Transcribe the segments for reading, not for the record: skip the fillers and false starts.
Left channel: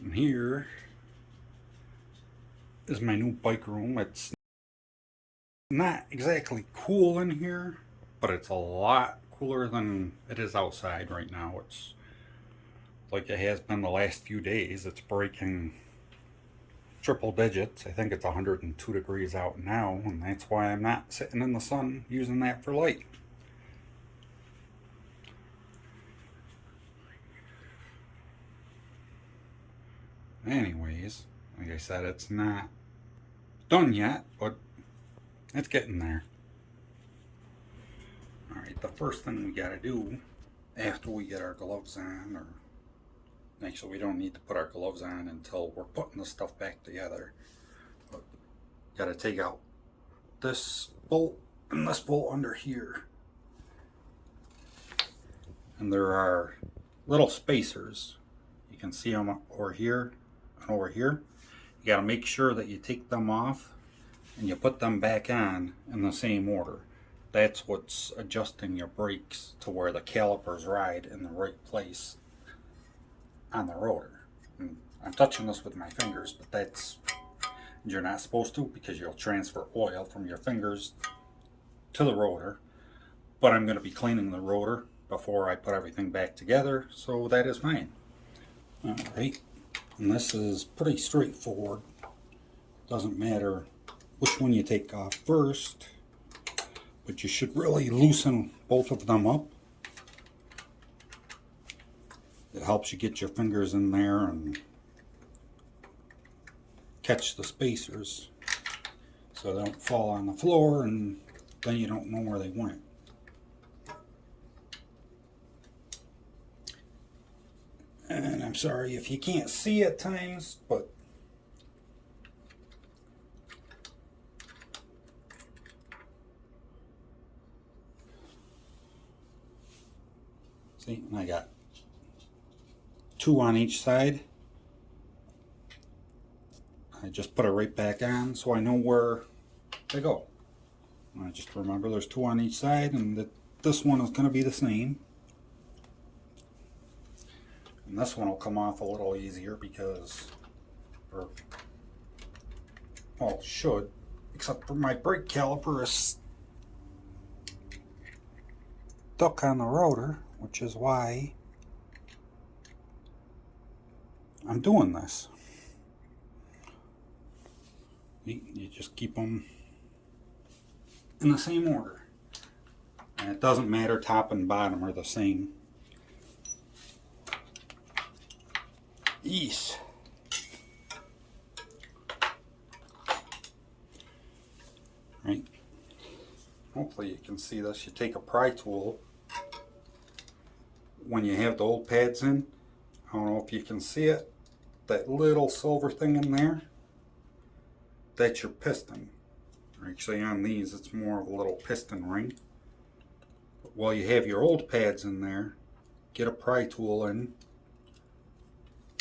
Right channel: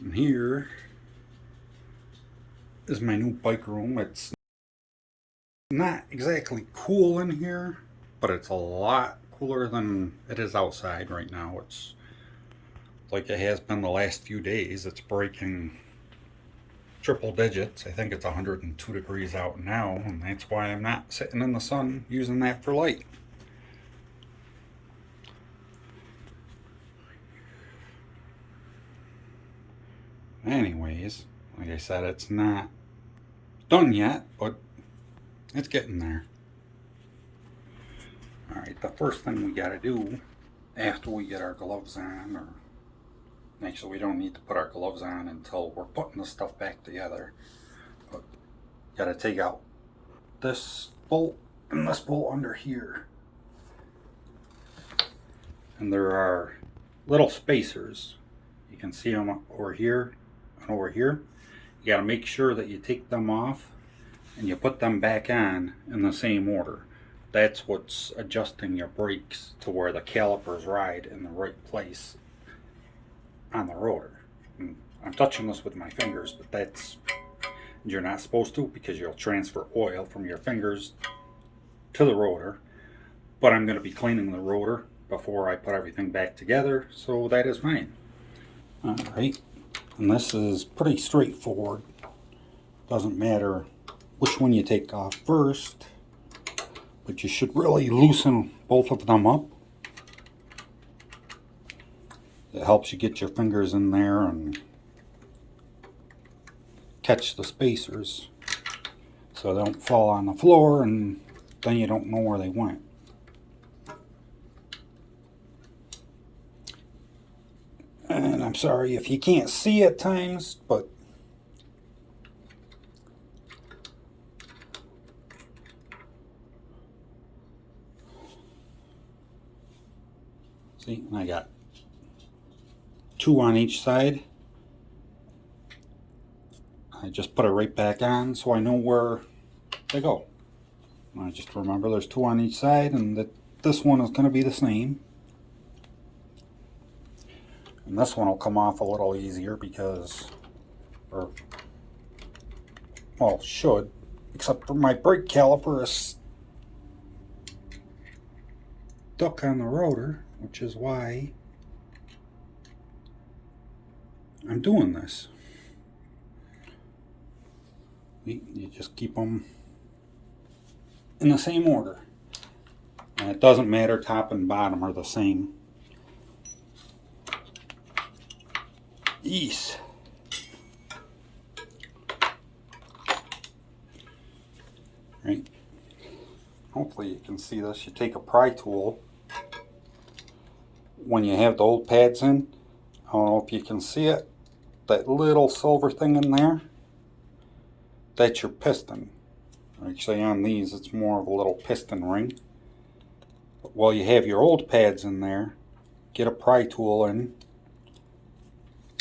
And here is my new bike room. It's not exactly cool in here, but it's a lot cooler than it is outside right now. It's like it has been the last few days. It's breaking triple digits. I think it's 102 degrees out now, and that's why I'm not sitting in the sun using that for light. Anyways, like I said, it's not done yet, but it's getting there. Alright, the first thing we gotta do after we get our gloves on, or actually, we don't need to put our gloves on until we're putting the stuff back together. But gotta take out this bolt and this bolt under here. And there are little spacers. You can see them over here and over here. You gotta make sure that you take them off and you put them back on in the same order. That's what's adjusting your brakes to where the calipers ride in the right place on the rotor. And I'm touching this with my fingers, but that's, you're not supposed to, because you'll transfer oil from your fingers to the rotor. But I'm going to be cleaning the rotor before I put everything back together, so that is fine. Alright, and this is pretty straightforward. Doesn't matter which one you take off first, but you should really loosen both of them up. It helps you get your fingers in there and catch the spacers so they don't fall on the floor and then you don't know where they went. And I'm sorry if you can't see at times, but see, I got two on each side. I just put it right back on so I know where they go. I just remember there's two on each side, and that this one is going to be the same. And this one will come off a little easier because, or, well, should, except for my brake caliper is stuck on the rotor, which is why I'm doing this. You just keep them in the same order. And it doesn't matter, top and bottom are the same. Yeesh. Right. Hopefully you can see this. You take a pry tool when you have the old pads in. I don't know if you can see it. That little silver thing in there, that's your piston. Actually, on these, it's more of a little piston ring. But while you have your old pads in there, get a pry tool in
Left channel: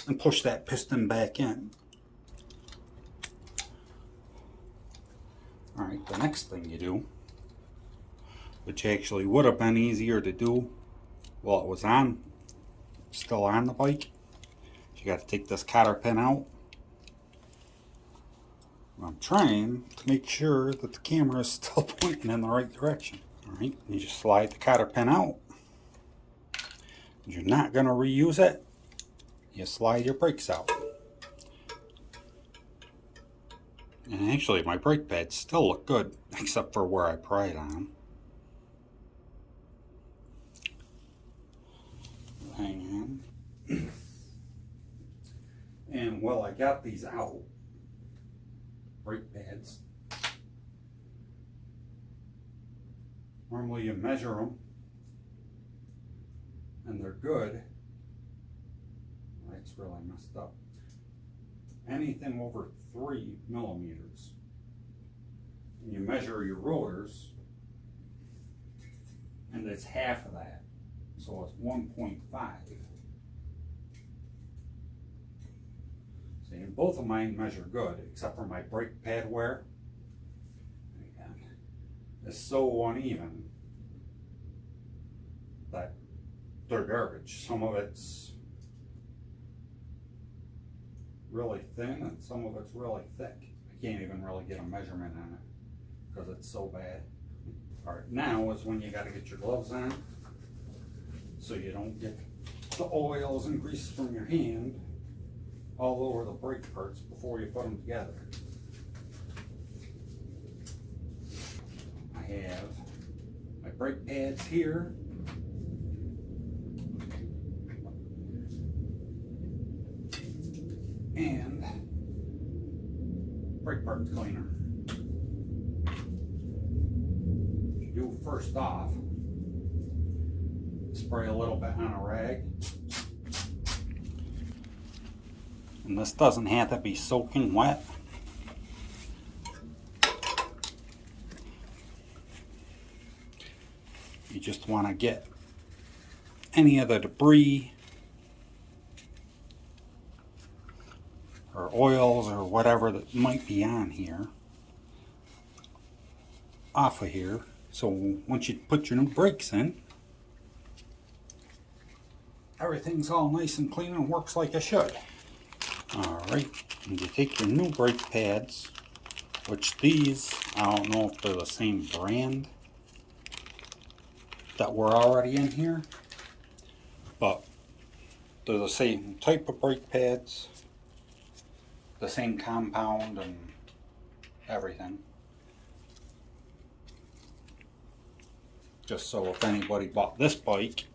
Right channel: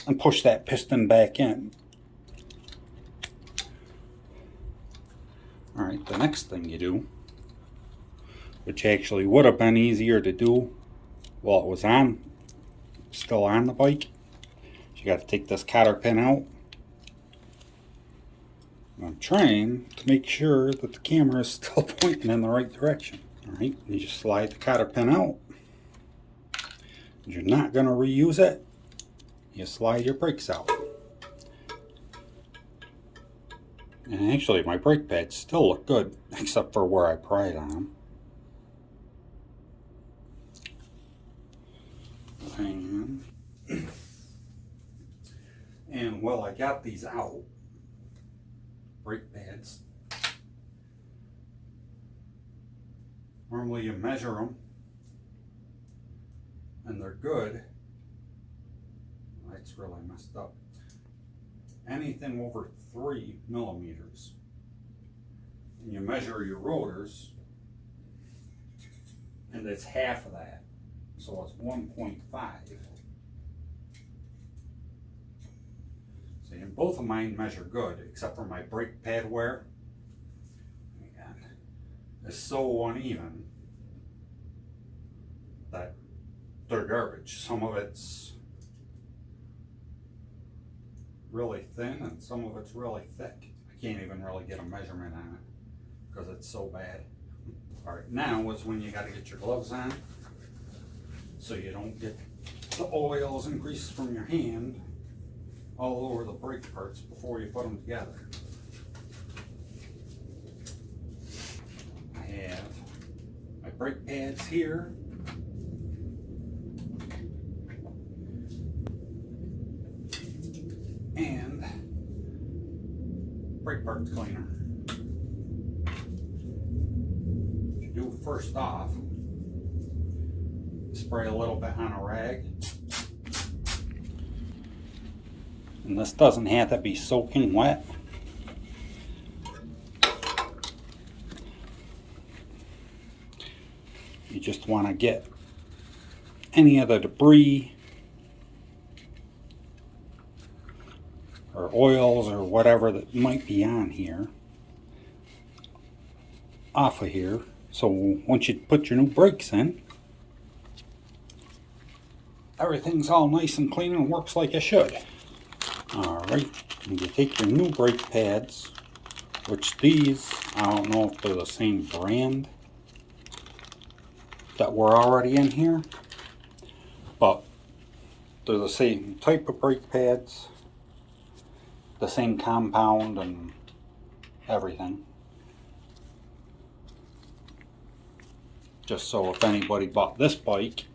and push that piston back in. Alright, the next thing you do, which actually would have been easier to do while it was still on the bike, you got to take this cotter pin out. I'm trying to make sure that the camera is still pointing in the right direction. Alright, you just slide the cotter pin out. You're not going to reuse it. You slide your brakes out. And actually, my brake pads still look good, except for where I pried on them. Hang on. And while I got these out, brake pads, normally you measure them and they're good. That's really messed up. Anything over 3 millimeters. And you measure your rotors, and it's half of that. So it's 1.5. See, and both of mine measure good, except for my brake pad wear. Again, it's so uneven that they're garbage. Some of it's really thin and some of it's really thick. I can't even really get a measurement on it because it's so bad. All right, now is when you got to get your gloves on so you don't get the oils and grease from your hand all over the brake parts before you put them together. I have my brake pads here. And brake parts cleaner. What you do first off, spray a little bit on a rag. And this doesn't have to be soaking wet. You just want to get any of the debris or oils or whatever that might be on here off of here. So once you put your new brakes in, everything's all nice and clean and works like it should. Alright, and you take your new brake pads, which these, I don't know if they're the same brand that were already in here, but they're the same type of brake pads, the same compound and everything. Just so if anybody bought this bike,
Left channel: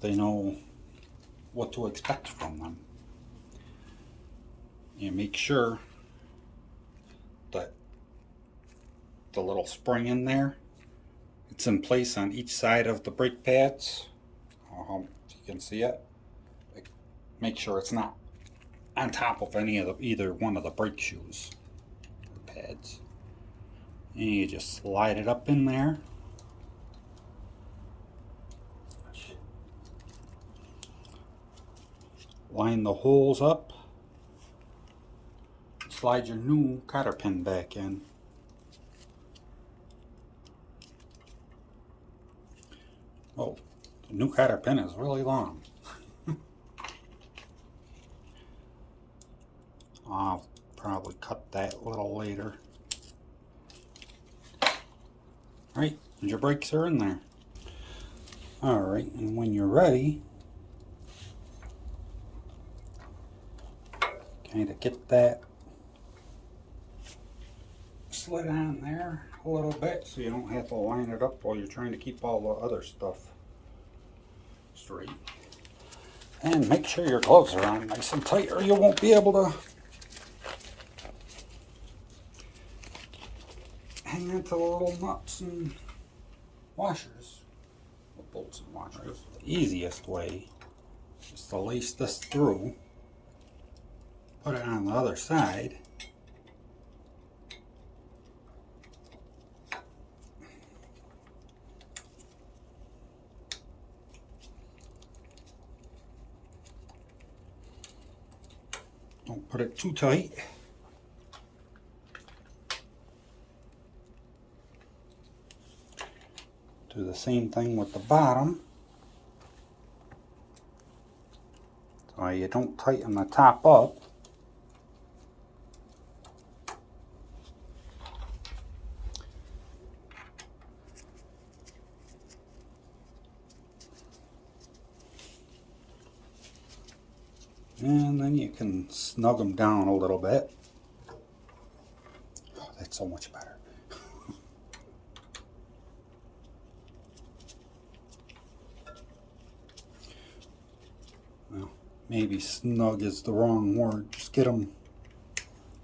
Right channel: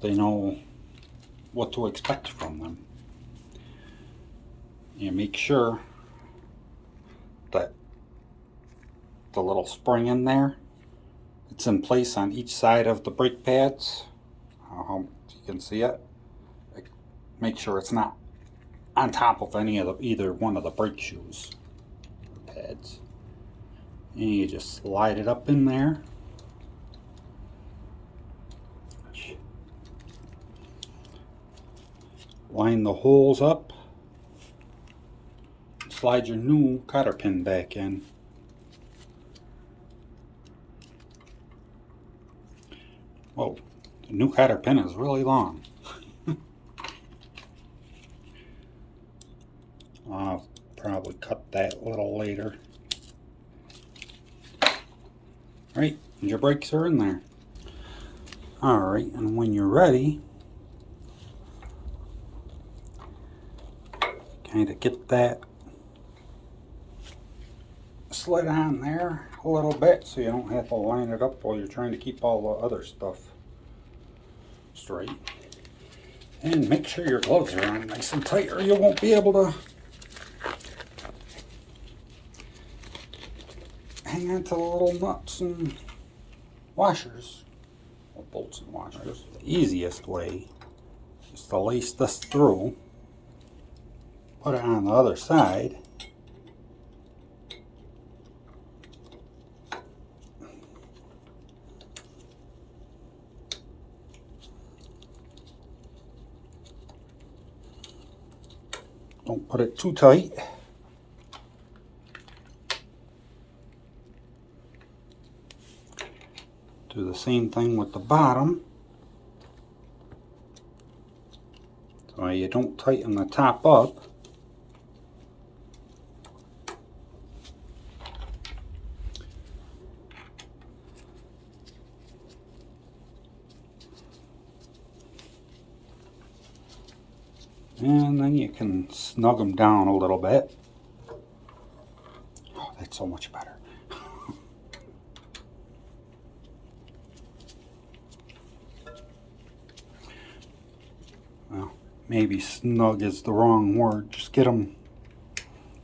they know what to expect from them. You make sure that the little spring in there, it's in place on each side of the brake pads. I hope you can see it. Make sure it's not on top of any of the, either one of the brake shoes or pads. And you just slide it up in there. Line the holes up. Slide your new cotter pin back in. Whoa, the new cotter pin is really long. I'll probably cut that a little later. Alright, and your brakes are in there. Alright, and when you're ready, kind of get that slid on there a little bit so you don't have to line it up while you're trying to keep all the other stuff straight. And make sure your gloves are on nice and tight or you won't be able to hang on to the little nuts and washers, or bolts and washers. The easiest way is to lace this through, put it on the other side, don't put it too tight. Do the same thing with the bottom. So you don't tighten the top up. And then you can snug them down a little bit. Oh, that's so much better. Well, maybe snug is the wrong word. Just get them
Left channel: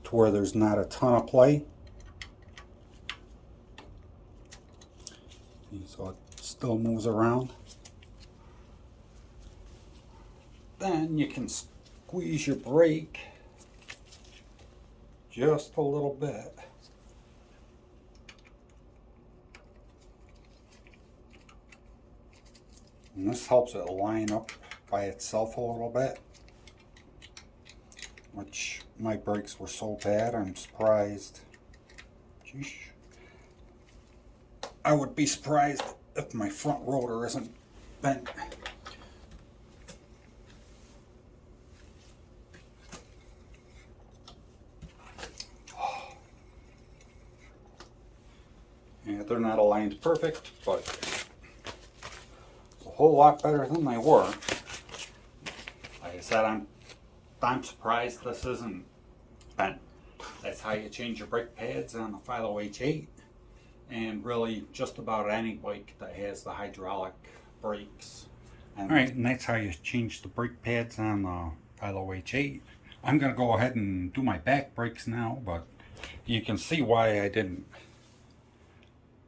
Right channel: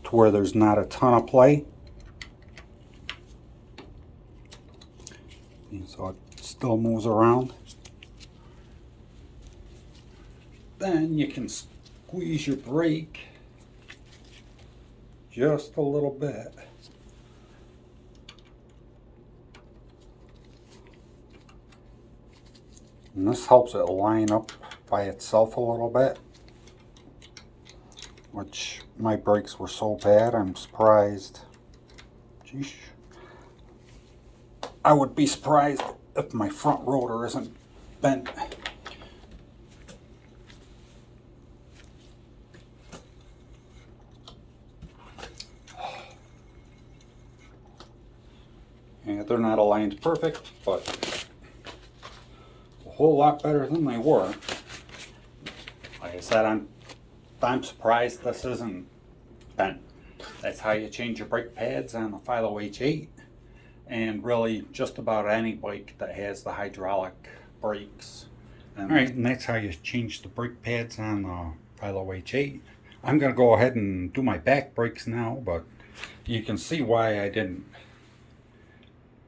to where there's not a ton of play. So it still moves around. Then you can squeeze your brake just a little bit. And this helps it line up by itself a little bit, which my brakes were so bad I'm surprised. Geesh. I would be surprised if my front rotor isn't bent Yeah, they're not aligned perfect, but a whole lot better than they were. Like I said, I'm surprised this isn't bent. That's how you change your brake pads on the Philo H8, and really just about any bike that has the hydraulic brakes. Alright, and that's how you change the brake pads on the Philo H8. I'm going to go ahead and do my back brakes now, but you can see why I didn't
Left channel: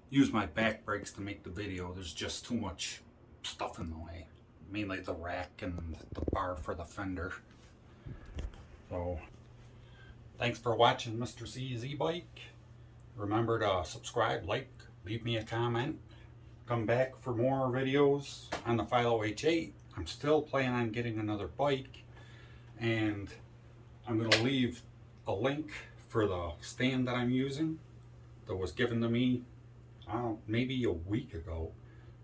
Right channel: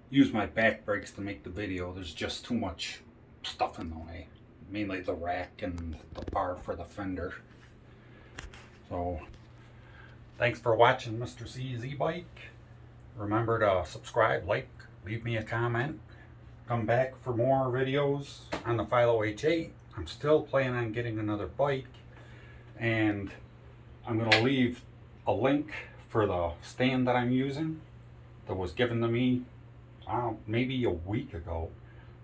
use my back brakes to make the video. There's just too much stuff in the way, mainly the rack and the bar for the fender. So thanks for watching Mr. C's e-bike. Remember to subscribe, like, leave me a comment. Come back for more videos on the Philo H8. I'm still planning on getting another bike, and I'm going to leave a link for the stand that I'm using that was given to me maybe a week ago.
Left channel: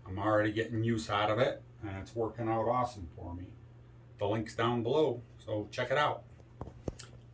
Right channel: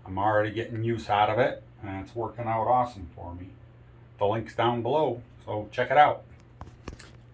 I'm already getting use out of it, and it's working out awesome for me. The link's down below, so check it out.